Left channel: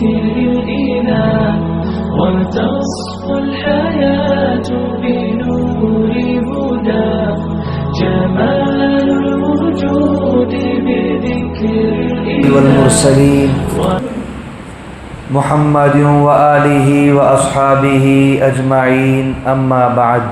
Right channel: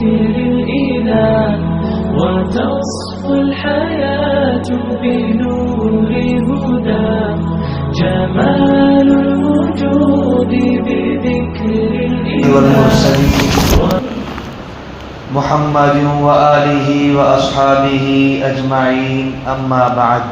بذكر الإله وتصفو الحياة بنور هدى جمال الوجود بذكر والمرسلين محمد وآله وأصحابه أجمعين أما بعد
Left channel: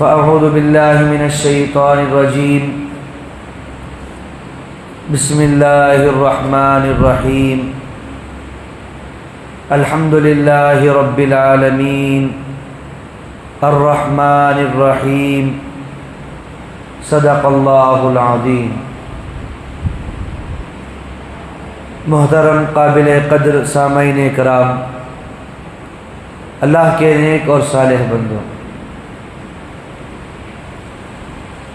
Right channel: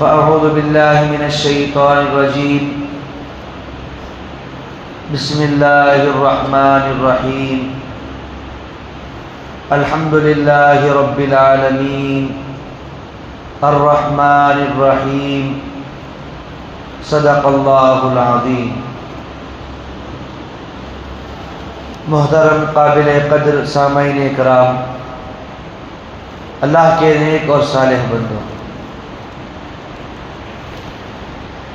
فأعوذ بالله من الشيطان الرجيم بسم الله الرحمن الرحيم الحمد لله رب العالمين الرحمن الرحيم صدق الله العظيم. محترم قابل قدر سامعین کرام، اللہ کے نیک اور صالح بندوں،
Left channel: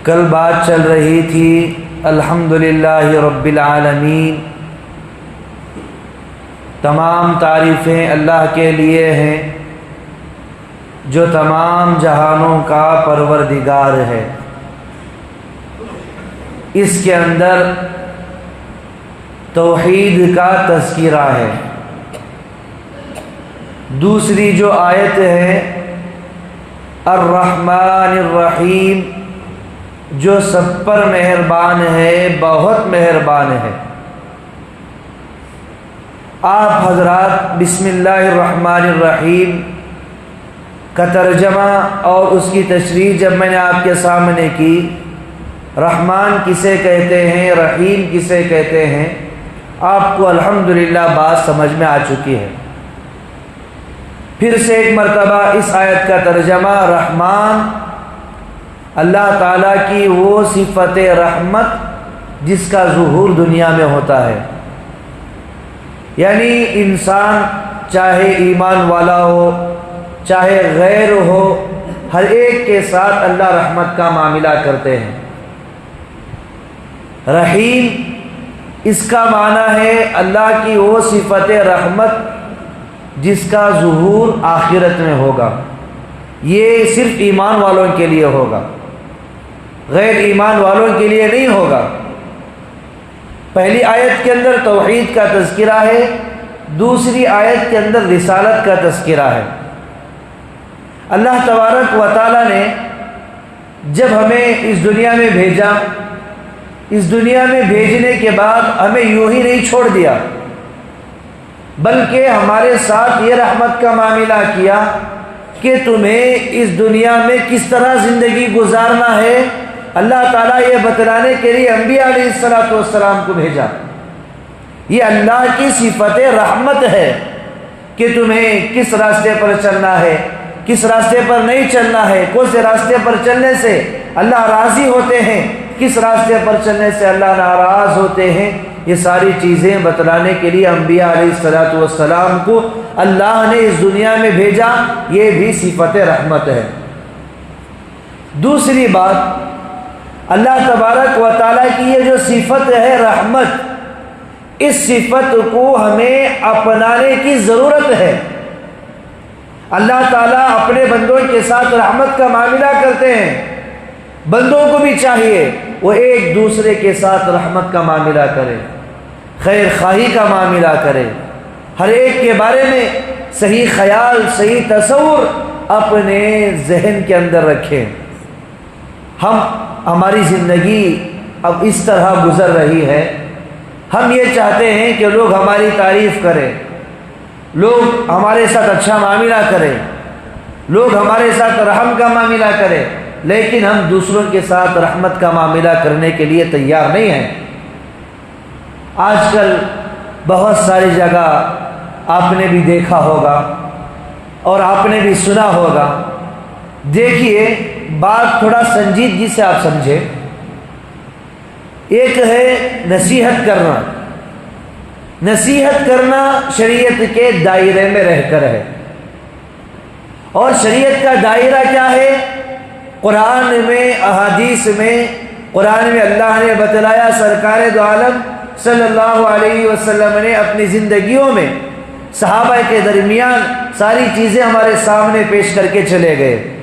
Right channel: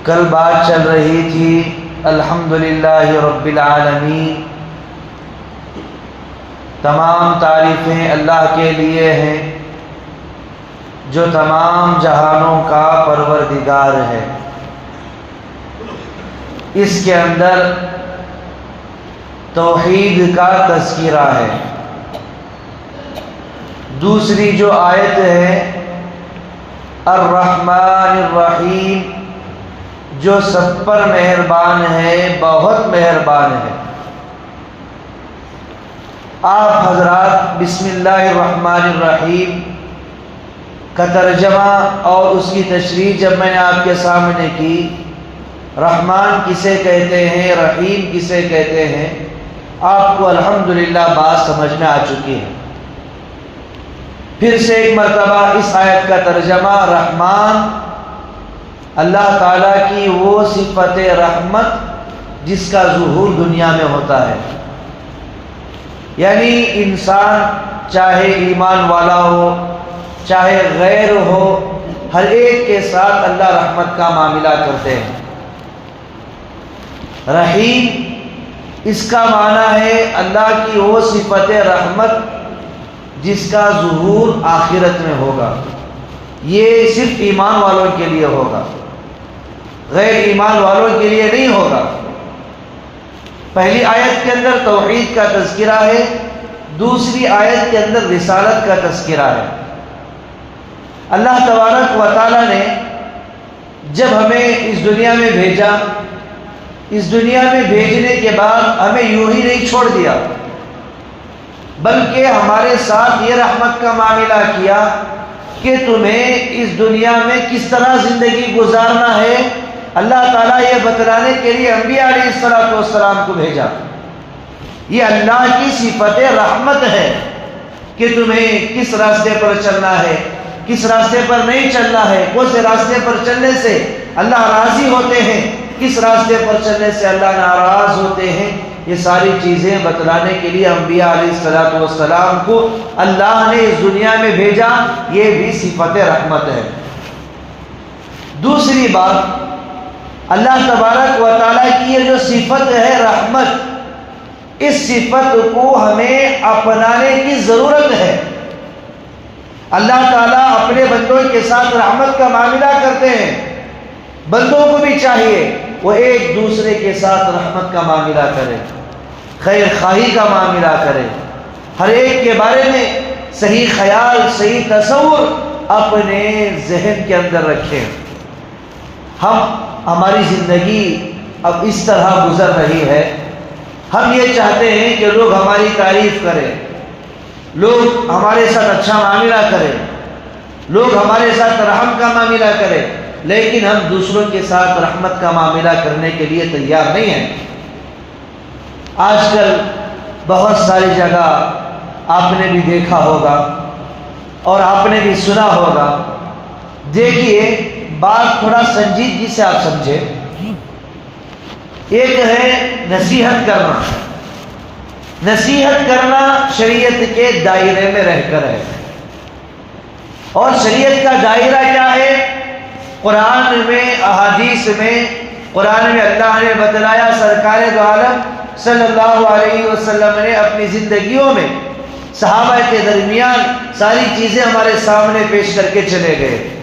کل بات چل رہی تھی الحمدللہ رب العالمین، تمام تعریفیں اللہ کے لیے ہیں جو تمام جہانوں کا پروردگار ہے. اس کے اندر توحید کا تذکرہ ہے. دوسری جو آیت ہے الرحمن الرحیم، جو سب پر مہربان ہے، بہت مہربان ہے. آپ حضرات بسم اللہ الرحمن الرحیم کا ترجمہ اور اس کی تشریح جب میں نے آپ کے سامنے کی، رحمان کسے کہتے ہیں، رحیم کسے کہتے ہیں، آپ کو الحمدللہ بات سمجھ میں آ چکی ہے. پھر سے ایک مرتبہ اس آیت کا ترجمہ، رحمان اللہ تعالیٰ کی وہ صفت رحمت جس کا ظہور دنیا میں ہوتا ہے، یعنی انسان چاہے ایمان والا ہو چاہے غیر ہو، ہر ایک کے ساتھ اللہ رحمت کا معاملہ کرتے ہیں. رحیم اس کا معنی ہے اللہ کی وہ صفت رحمت جس کا ظہور آخرت میں ہوگا. یہ صرف ایمان والوں کے لیے ہوگا، غیر ایمان والوں کے لیے نہیں ہوگا. پہلی آیت کے اندر توحید کا تذکرہ ہے، دوسری آیت کے اندر رسالت کا تذکرہ ہے. اللہ تبارک و تعالیٰ نے جب ہمیں اس دنیا میں بھیجا، اس دنیا میں بھیجنے کے بعد ہمیں یوں ہی نہیں چھوڑ دیا، بلکہ ہمارے ساتھ یہ رحمت کا معاملہ کیا کہ تمہیں اس دنیا میں کس طرح زندگی گزارنا ہے. اللہ تعالیٰ یہ بتلانے کے لیے انبیاء علیہ السلام کو بھیجا. یہ اللہ کی صفت رحمت ہے کہ تمہیں کس راستے پر چلنا ہے، کس راستے پر نہیں چلنا ہے، کون سے راستے پر چلنے سے اللہ راضی ہوتے ہیں، کس راستے پر چلنے سے اللہ ناراض ہوتے ہیں. یہ ساری چیزیں بتلانے کے لیے انبیاء علیہ السلام کو اللہ نے اس دنیا میں بھیجا. یہ بھی صفت رحمت ہے. دوسری بات، اللہ تبارک و تعالیٰ کی یہ جو صفت ہے رحمت، اس صفت کو ہمیں اپنانے کی ضرورت ہے. اللہ تعالیٰ اپنے بندوں کے ساتھ رحمت کا معاملہ کرتے ہیں. بندوں کو بھی چاہیے وہ ایک دوسرے کے ساتھ رحمت کا معاملہ کرے، خیر خواہی کا معاملہ کرے، ہر ایک کے بارے میں صحیح خیال، صحیح تصور اپنے ذہن کے اندر رکھے. ہماری زندگی اب اس طرح گزر رہی ہے، ہم یہ چاہتے ہیں کہ لوگ ہماری تعریف کریں، لوگ ہمارے ساتھ اچھا معاملہ کریں، لوگ ہمارے ساتھ رحم کا معاملہ کریں، لیکن ہم دوسروں کے ساتھ رحمت کا معاملہ کرنے کے لیے تیار نہیں ہیں. آج کل بہت ساری جگہ آپ نے بھی دیکھا ہوگا اور آپ نے بھی سنا ہوگا. دیکھیے، بات تھوڑا سنجیدگی سے آپ سمجھے. ایک ہے نصیحت کرنا. نصیحت کرنا شریعت کے دائرے میں رہ کر ہے، اور شریعت کا دائرہ کیا ہے؟ قرآن میں، احادیث میں، قرآن میں اللہ نے بتلایا، سرکار دو عالم صلی اللہ علیہ وسلم نے اپنی زندگیوں میں صحابہ کے درمیان ساری چیزیں ہمارے سامنے پیش کر کے چلے گئے.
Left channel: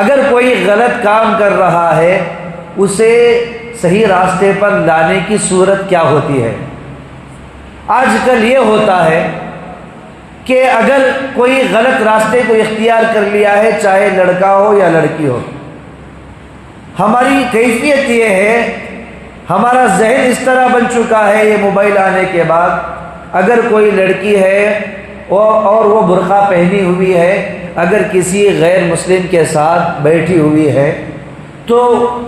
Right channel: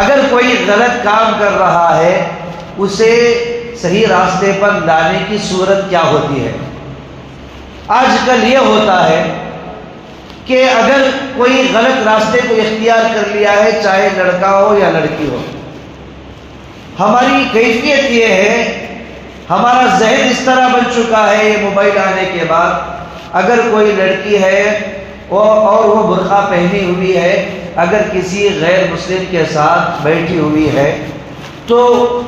اگر کوئی غلط کام کر رہا ہے اسے صحیح راستے پر لانے کی صورت کیا ہوتی ہے. آج کل یہ ہوتا ہے کہ اگر کوئی غلط راستے کو اختیار کر لیا ہے، چاہے لڑکا ہو یا لڑکی ہو، ہماری کیفیت یہ ہے، ہمارا ذہن اس طرح بن چکا ہے یہ موبائل آنے کے بعد، اگر کوئی لڑکی ہے اور وہ برقع پہنی ہوئی ہے، اگر کسی غیر مسلم کے ساتھ بیٹھی ہوئی ہے، تو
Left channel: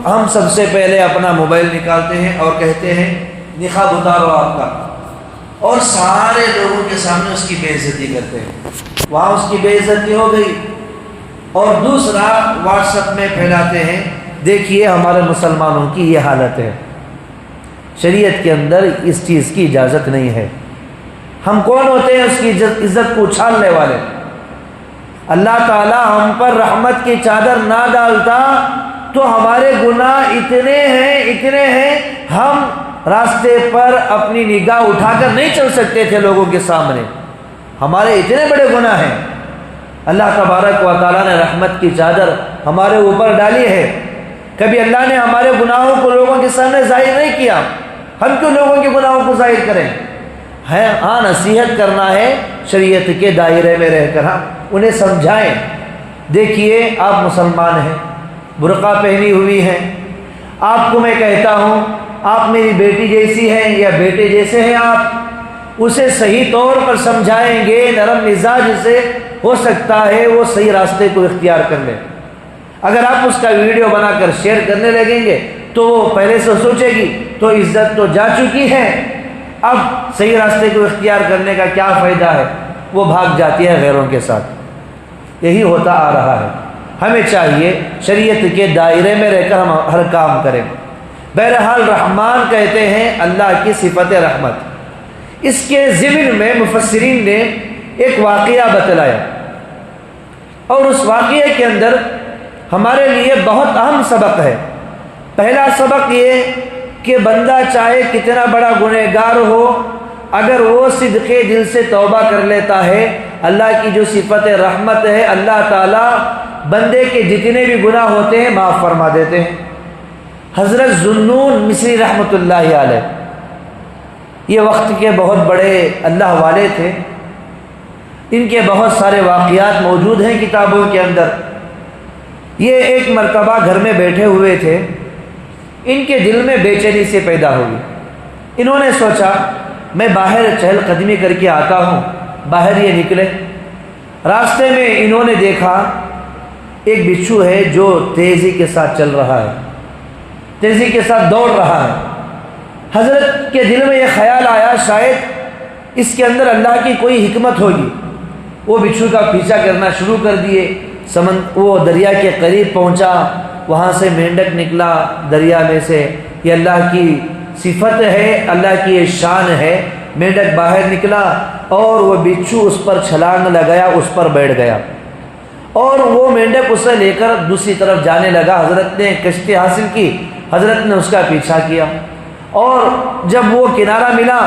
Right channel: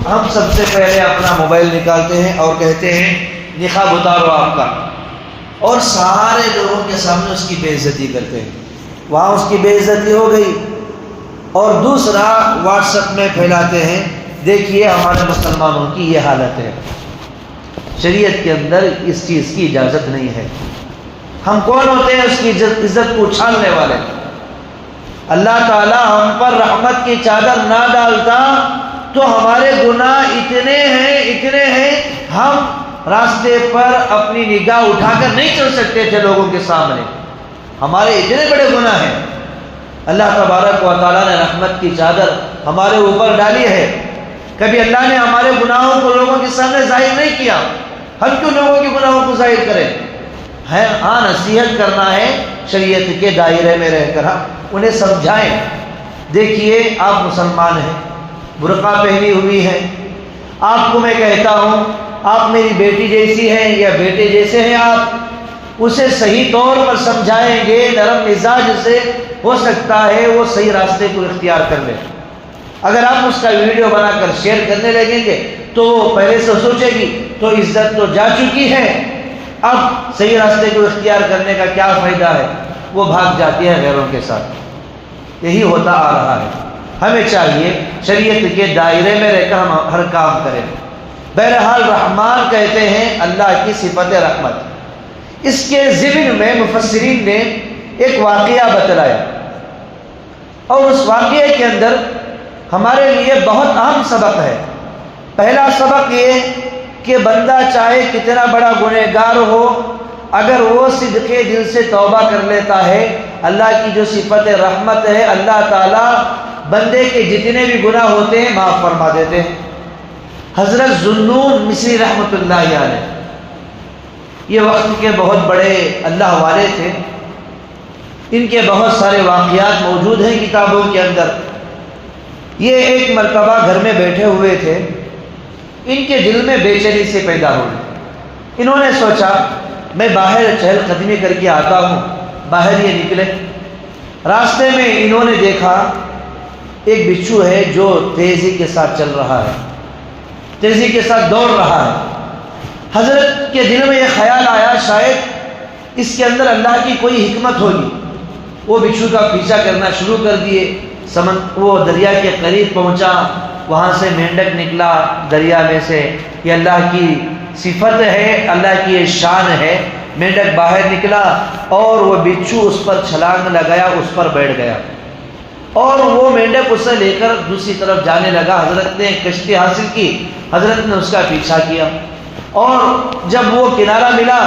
ہم سب سے پہلے اپنا موبائل نکالتے ہیں اور کہتے ہیں نقاب اتارو آپ کا، اور سارے لوگوں کے سامنے اس کی بے عزتی کرتے ہیں، وہاں اس کی بے عزتی ہو گئی، اور دوسرا واٹس ایپ میں پھیلاتے ہیں دیکھیے ہمارے مسلمانوں کی یہ حالت ہے۔ شریعت کے اندر اس چیز کی اجازت نہیں ہے۔ ہم کون ہوتے ہیں اس کی عزت کو اچھالنے والے؟ اللہ تعالیٰ ہم پر رحمت کی چادر نہ ڈالتا تو ہمارے گناہ اتنے ہیں ہم راستے پر اپنی نگاہ اٹھا کر نہیں چل سکتے تھے لوگوں کے سامنے، ہمارے اتنے بڑے گناہ ہیں۔ اللہ تبارک و تعالیٰ نے رحمت کی چادر ہمارے اوپر ڈالی ہے، کبھی اللہ نے ہمارے گناہوں کو لوگوں کے سامنے ظاہر نہیں کیا، ہم کیوں لوگوں کے گناہوں کو ظاہر کریں؟ ہاں نصیحت کرنا ہے شریعت کے دائرے میں رہ کر، انہیں سمجھائیں، دیکھیے آپ مسلمان ہیں، برقع پہنی ہوئی ہیں، آپ کو میں کہتا ہوں آپ میری بیٹی جیسی ہیں یا بیٹے جیسے ہیں، آپ اسے صحیح طور پر سمجھائیں گے، نرم مزاج سے ہو سکتا ہے وہ صحیح راستے کو اختیار کر لے۔ اگر آپ اس کا ویڈیو بنا کر شیئر کرنے لگیں گے تو وہ پہلے سے سوچے گی تو عزت تو جا چکی ہے، اب صحیح راستے کو اختیار کرنے کا کیا فائدہ ہے، وہ بھاگ جاتی ہے غیروں کے ساتھ۔ یہی ہوتا آ رہا ہے۔ ہمیں چاہیے شریعت کے دائرے میں رہ کر ہم ہر کام کریں۔ بہرحال رحمان کہتے ہیں اللہ کی صفت رحمت۔ اس کے ضمن میں مفسرین نے ایک واقعہ بتلایا، اور اس واقعے کے اندر ہمارے لیے بہت اہم سبق ہے۔ پہلا سبق یہ کہ بندہ چاہے کتنا بڑا گنہگار ہو، اگر وہ صدقے دل سے توبہ کر لیتا ہے، اللہ کی جو صفت رحمت ہے، اللہ تعالیٰ بندے کے جتنے بھی گناہ ہوتے ہیں معاف فرما دیتے ہیں۔ حضرت ذوالنون مصری رحمۃ اللہ علیہ یہ وقت کے بہت بڑے اللہ والے تھے، ان کے بہت سارے واقعات موجود ہیں کتابوں کے اندر۔ یہ ایک مرتبہ گھر میں بیٹھے ہوئے تھے، ان کے دل میں بے چینی سے پیدا ہوئی۔ انہوں نے سوچا میں باہر چہل قدمی کر کے آتا ہوں، باہر یہ نکلے۔ راستے میں انہوں نے دیکھا ایک بچھو ہے جو تیزی کے ساتھ چل رہا ہے، تیزی کے ساتھ دوڑ رہا ہے۔ حضرت کے دل میں یہ خیال آیا شاید اس کے اندر اللہ کی کوئی حکمت ہوگی۔ وہ بچھو کا پیچھا کرنا شروع کر دیے، وہ دریا کے قریب پہنچا، وہاں سے مینڈک نکلا دریا میں سے۔ یہ اللہ کی صفت ہے، اللہ کی یہ شان ہے۔ مینڈک باہر نکلا اور وہ بچھو اس پر چھلانگ لگایا، اس پر بیٹھ گیا، اور وہ مینڈک اسے لے کر دوسری طرف جانے لگا۔ حضرت نے کشتی حاصل کی، حضرت نے اس کا پیچھا کیا، اور جب وہ کنارہ ملا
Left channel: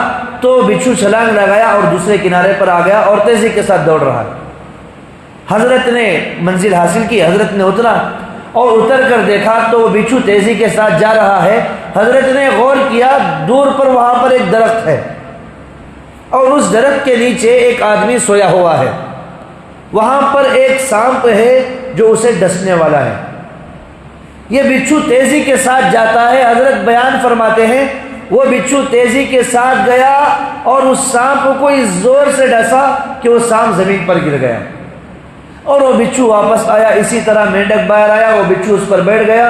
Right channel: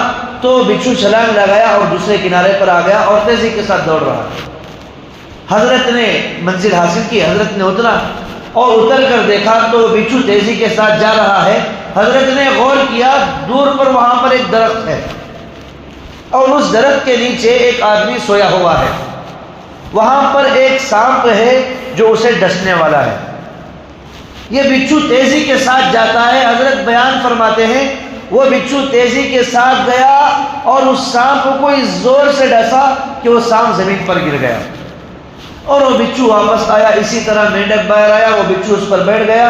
تو بچھو چھلانگ لگایا اور دوسرے کنارے پر آ گیا اور تیزی کے ساتھ دوڑ رہا ہے۔ حضرت نے منزل حاصل کی، حضرت نے اترا اور اتر کر دیکھا تو بچھو تیزی کے ساتھ جا رہا ہے۔ حضرت نے غور کیا، دور پر وہاں پر ایک درخت ہے، اور اس درخت کے نیچے ایک آدمی سویا ہوا ہے، وہاں پر ایک سانپ ہے جو اسے ڈسنے والا ہے۔ یہ بچھو تیزی کے ساتھ جاتا ہے۔ حضرت بیان فرماتے ہیں وہ بچھو تیزی کے ساتھ گیا اور اس سانپ کو اس زور سے ڈسا کہ وہ سانپ زمین پر گر گیا، اور وہ بچھو واپس آیا۔ اسی طرح مینڈک باہر آیا، وہ بچھو اس پر بیٹھ گیا،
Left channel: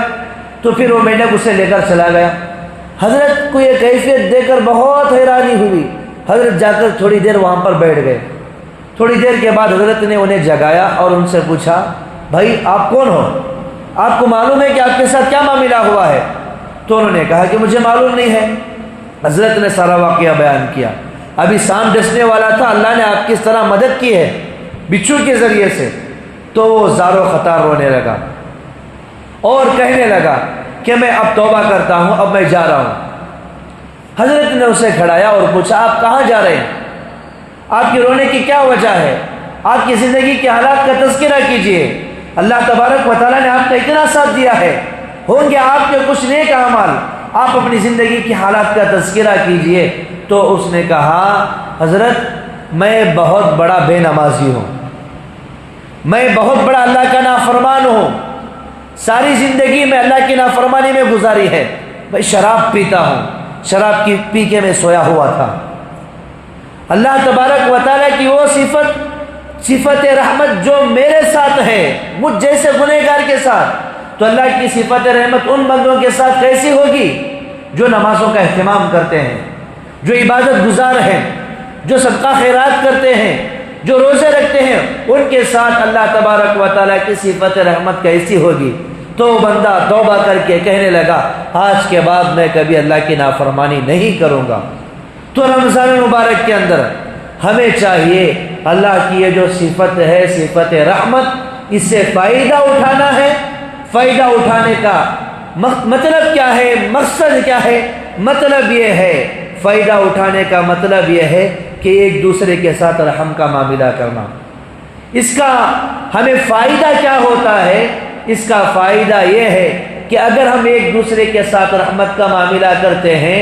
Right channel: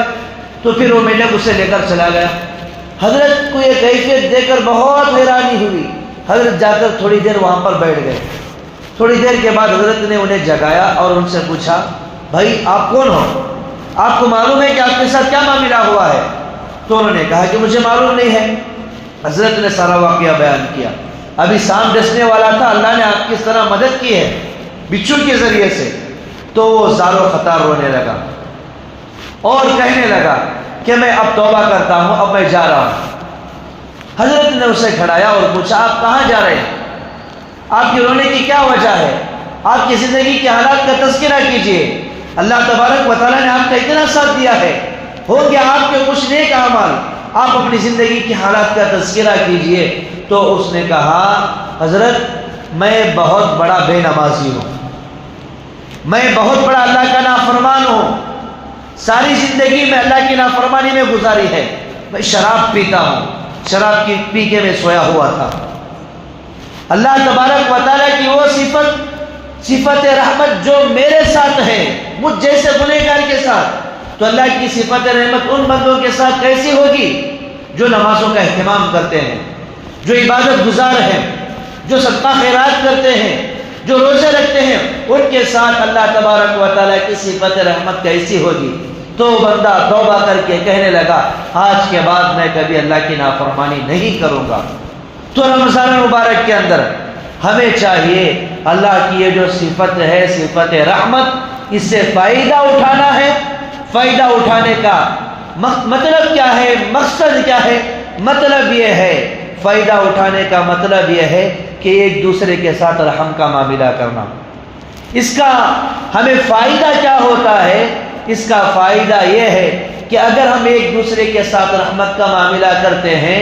تو پھر وہ مینڈک اسے لے کر چلا گیا۔ حضرت کو یہ کیفیت دیکھ کر بہت حیرانی ہوئی۔ حضرت جا کر تھوڑی دیر وہاں پر بیٹھ گئے۔ تھوڑی دیر کے بعد حضرت نے انہیں جگایا اور ان سے پوچھا بھائی آپ کون ہو، آپ کو معلوم ہے کہ آپ کے ساتھ کیا معاملہ ہوا ہے؟ تو انہوں نے کہا کہ مجھے معلوم نہیں ہے۔ حضرت نے سارا واقعہ بیان کیا۔ ابھی سانپ ڈسنے والا تھا، اللہ نے آپ کی اس طرح مدد کی ہے بچھو کے ذریعے سے۔ تو زارو خطا رونے لگا اور کہنے لگا کہ میں اب توبہ کرتا ہوں، اب میں جا رہا ہوں۔ حضرت نے اسے کھڑایا اور پوچھا آپ کہاں جا رہے ہیں، آپ کی رونے کی کیا وجہ ہے، آپ کی زندگی کے حالات کا تذکرہ کیجئے۔ اللہ تبارک و تعالیٰ نے آپ کا اتنا ساتھ دیا ہے، ہوں گے آپ کے کچھ نیک اعمال، آپ اپنی زندگی کی حالات کا تذکرہ کیجئے۔ تو اس نے کہا حضرت میں بہت بڑا بے نمازی ہوں، میں بہت بڑا اللہ کا نافرمان ہوں، ساری زندگی میں اللہ کی نافرمانی میں گزاری ہے، میں شراب پیتا ہوں، شراب کی پی کے میں سویا ہوا تھا۔ اللہ تبارک و تعالیٰ کی وہ صفت رحمت جو میرے ساتھ ہے، مجھ جیسے گنہگار کے ساتھ، تو اللہ کی صفت رحمت ان بندوں کے ساتھ کیسی ہوگی جو نمازوں کا اہتمام کرتے ہیں، جو عبادت گزار ہیں، جو صدقہ خیرات کرتے ہیں، جو روزے رکھتے ہیں، ان کے ساتھ اللہ تبارک و تعالیٰ کی صفت رحمت کیسی ہوگی؟ تو بندہ توبہ کر کے کہنے لگا آج کے بعد میں کبھی اللہ کی نافرمانی نہیں کروں گا۔ تو رمضان مبارک کے اندر ہمیں چاہیے اللہ کی یہ جو صفت ہے، صفت رحمت، اس سے فائدہ اٹھانا ہے۔ فائدہ اٹھانے کا مطلب کیا ہے، مقصد کیا ہے؟ مطلب یہ ہے، فائدہ اٹھانے کا مطلب یہ ہے کہ ایک دوسرے کے ساتھ رحم کا معاملہ کرنا۔ اس کا ہمیں فائدہ کیا ہوتا ہے؟ اس کا فائدہ یہ ہے کہ اگر ہم ایک دوسرے کے ساتھ رحمت کا معاملہ کرتے ہیں،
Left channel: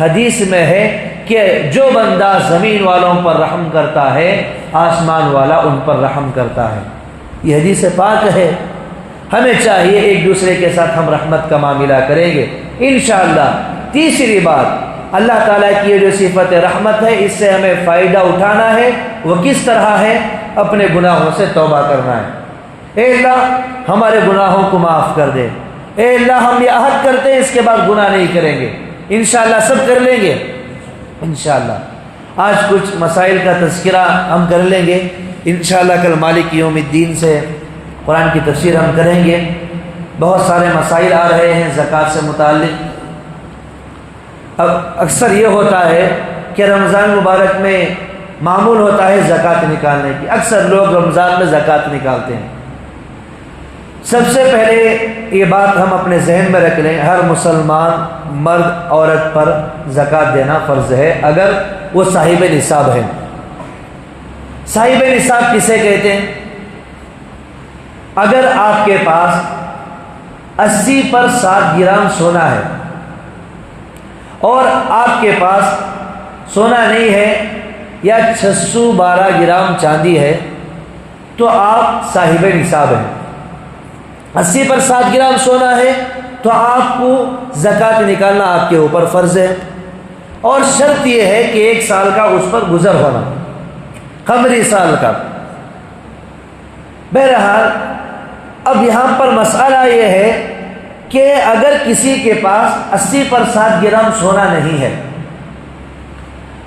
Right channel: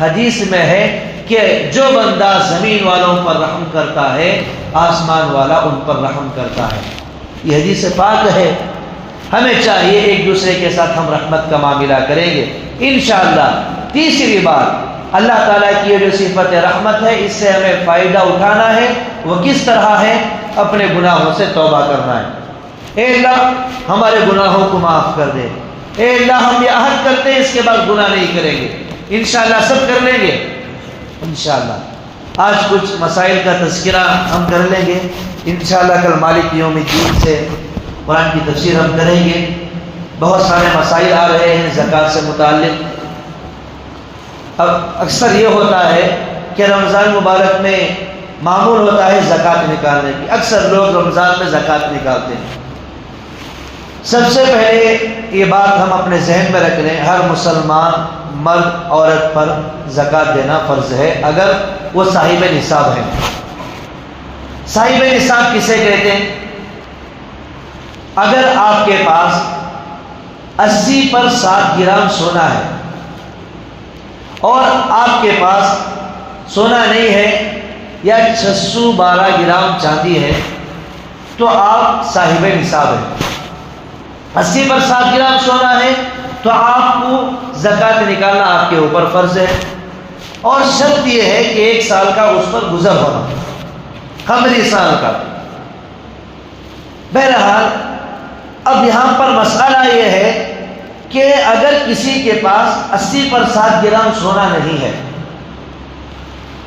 حدیث میں ہے کہ جو بندہ زمین والوں پر رحم کرتا ہے، آسمان والا ان پر رحم کرتا ہے۔ یہ حدیث پاک ہے۔ ہمیں چاہیے ایک دوسرے کے ساتھ ہم رحمت کا معاملہ کریں گے انشاءاللہ۔ تیسری بات، اللہ تعالیٰ کی یہ جو صفت رحمت ہے، اس سے ہمیں فائدہ اٹھانا ہے۔ وہ کس طرح ہے؟ اپنے گناہوں سے توبہ کرنا ہے۔ اے اللہ ہمارے گناہوں کو معاف کر دے، اے اللہ ہم یہ عہد کرتے ہیں اس کے بعد گناہ نہیں کریں گے، انشاءاللہ سب کر لیں گے انشاءاللہ۔ آج کچھ مسائل کا تذکرہ ہم کر لیں گے انشاءاللہ۔ کل مالک یوم الدین سے قرآن کی تفسیر ہم کریں گے۔ بہت سارے مسائل آ رہے ہیں زکوٰۃ سے متعلق۔ اب اکثر یہ ہوتا ہے کہ رمضان مبارک میں معمول ہوتا ہے زکوٰۃ نکالنے کی، اکثر لوگ رمضان میں زکوٰۃ نکالتے ہیں۔ سب سے پہلے یہ بات ہم اپنے ذہن میں رکھ لیں، ہر مسلمان مرد عورت پر زکوٰۃ دینا فرض ہے اگر وہ صاحب نصاب ہے۔ صاحب نصاب کسے کہتے ہیں؟ اگر آپ کے پاس 80 پر 7 گرام سونا ہے اور آپ کے پاس سونا نہیں ہے یا 612 گرام چاندی ہے تو آپ صاحب نصاب ہیں۔ 80 پر 7 گرام سونا ہے تو آپ کو زکوٰۃ نکالنا آپ کے اوپر فرض ہے، اور شرط یہ ہے کہ 1 سال کا اس پر گزر ہونا، قمری سال کا۔ بہرحال اب یہاں پر مسئلہ یہ ہے کہ اگر کسی کے پاس 80 پر 7 گرام سونا نہیں ہے،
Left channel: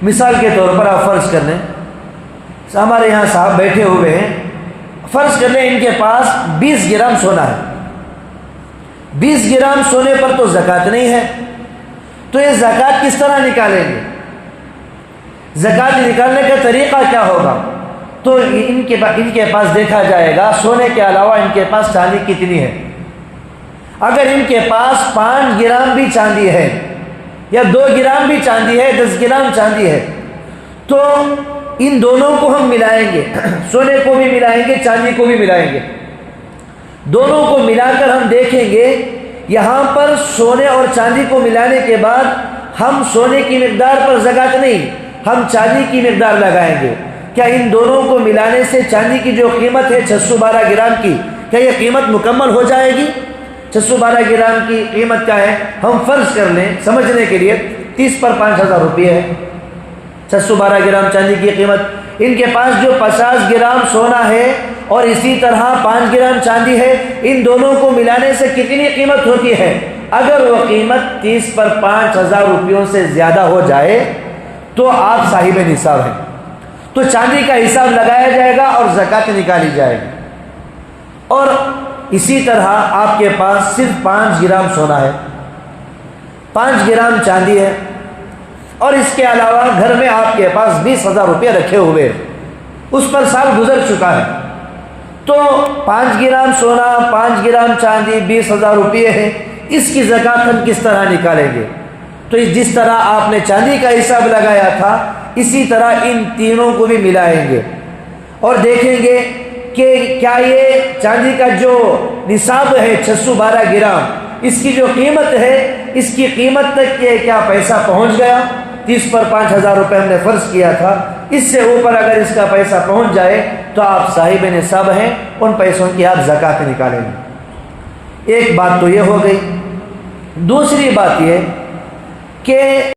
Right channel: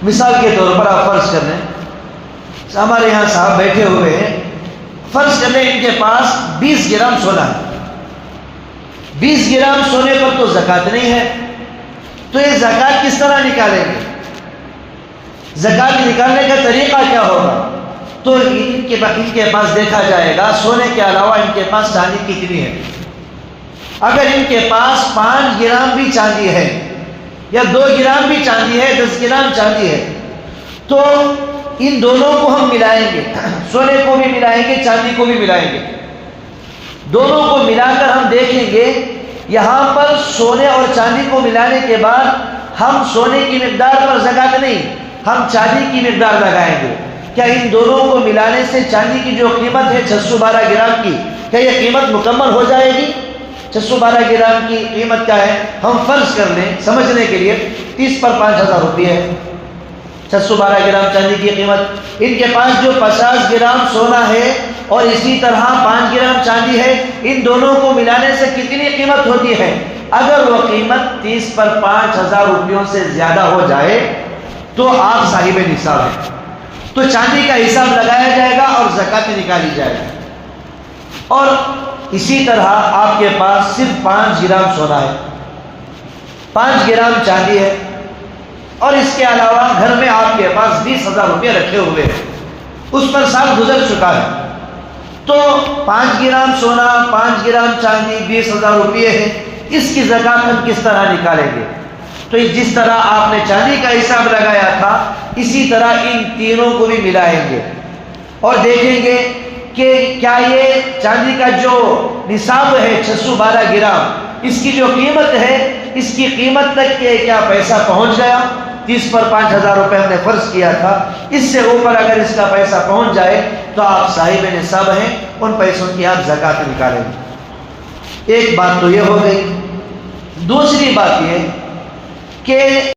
مثال کے طور پر آپ فرض کر لیں ہمارے یہاں صاحب بیٹھے ہوئے ہیں، فرض کر لیں ان کے پاس 20 گرام سونا ہے، 20 گرام سونے پر تو زکوٰۃ نہیں ہے، تو یہ زکوٰۃ کس طرح نکالیں گے؟ زکوٰۃ نکالنے کا طریقہ کیا ہوگا؟ تو ان کے پاس دیکھا جائے گا سونے کے علاوہ ان کے پاس چاندی کتنی ہے۔ اگر ان کے پاس 5 گرام بھی چاندی ہے یا 2 گرام بھی چاندی ہے، 10 گرام چاندی ہے، تو ان دونوں کو ہم ملائیں گے، سونے کو بھی ملائیں گے، چاندی کو بھی ملائیں گے، دونوں کو ملا کر ہم دیکھیں گے یہاں پر سونے اور چاندی کو ملانے کے بعد ہم سونے کی مقدار پر زکوٰۃ نہیں، ہم چاندی کی مقدار لگائیں گے۔ کیا ان دونوں کو ملانے سے چاندی کی جو قیمت ہے 612 گرام کی، کیا یہ قیمت مکمل ہو جائے گی؟ 612 گرام کی قیمت کیا ہے؟ ہم فرض کر لیں سمجھنے کے لیے 30 پر 5000 روپے ہے 612 گرام چاندی کی قیمت۔ ان کے پاس جو 50 گرام سونا ہے اور اسی طرح 5 گرام چاندی ہے، ان دونوں کو ملانے سے کتنی قیمت ہوتی ہے؟ اگر وہ قیمت 30 پر 5000 روپیوں سے زیادہ ہو جائے تو آپ صاحب نصاب ہیں، تو چاندی کا حساب لگایا جائے گا اور زکوٰۃ نکالی جائے گی۔ اور اسی طرح آپ کے پاس صرف 5 گرام سونا ہے، 5 گرام چاندی ہے، اور اس کے علاوہ گھر میں آپ کے پاس 20,000 روپے رکھے ہوئے ہیں، اس پر سال گزر چکا ہے، تو 5 گرام سونا، 5 گرام چاندی، 20,000 روپے ہے، اس کی زکوٰۃ ہم کس طرح نکالیں گے؟ تو جس طرح آپ نے چاندی کا حساب لگایا تھا اسی طرح ان تینوں کو بھی ملائیں گے اور دیکھیں گے کہ کیا یہ چاندی کا جو نصاب ہے 612 گرام، اس کی جو قیمت ہے اس کی قیمت تک کہ کیا پیسہ پہنچ گیا، 30 پر 5,000 روپے ہم نے فرض کیا تھا، اس سے اوپر اگر اس کا پیسہ پہنچ جائے تو آپ صاحب نصاب ہیں، ان پیسوں کی آپ زکوٰۃ نکالیں گے۔ ایک بات تو یہ ہو گئی۔ دوسری بات یہ کہ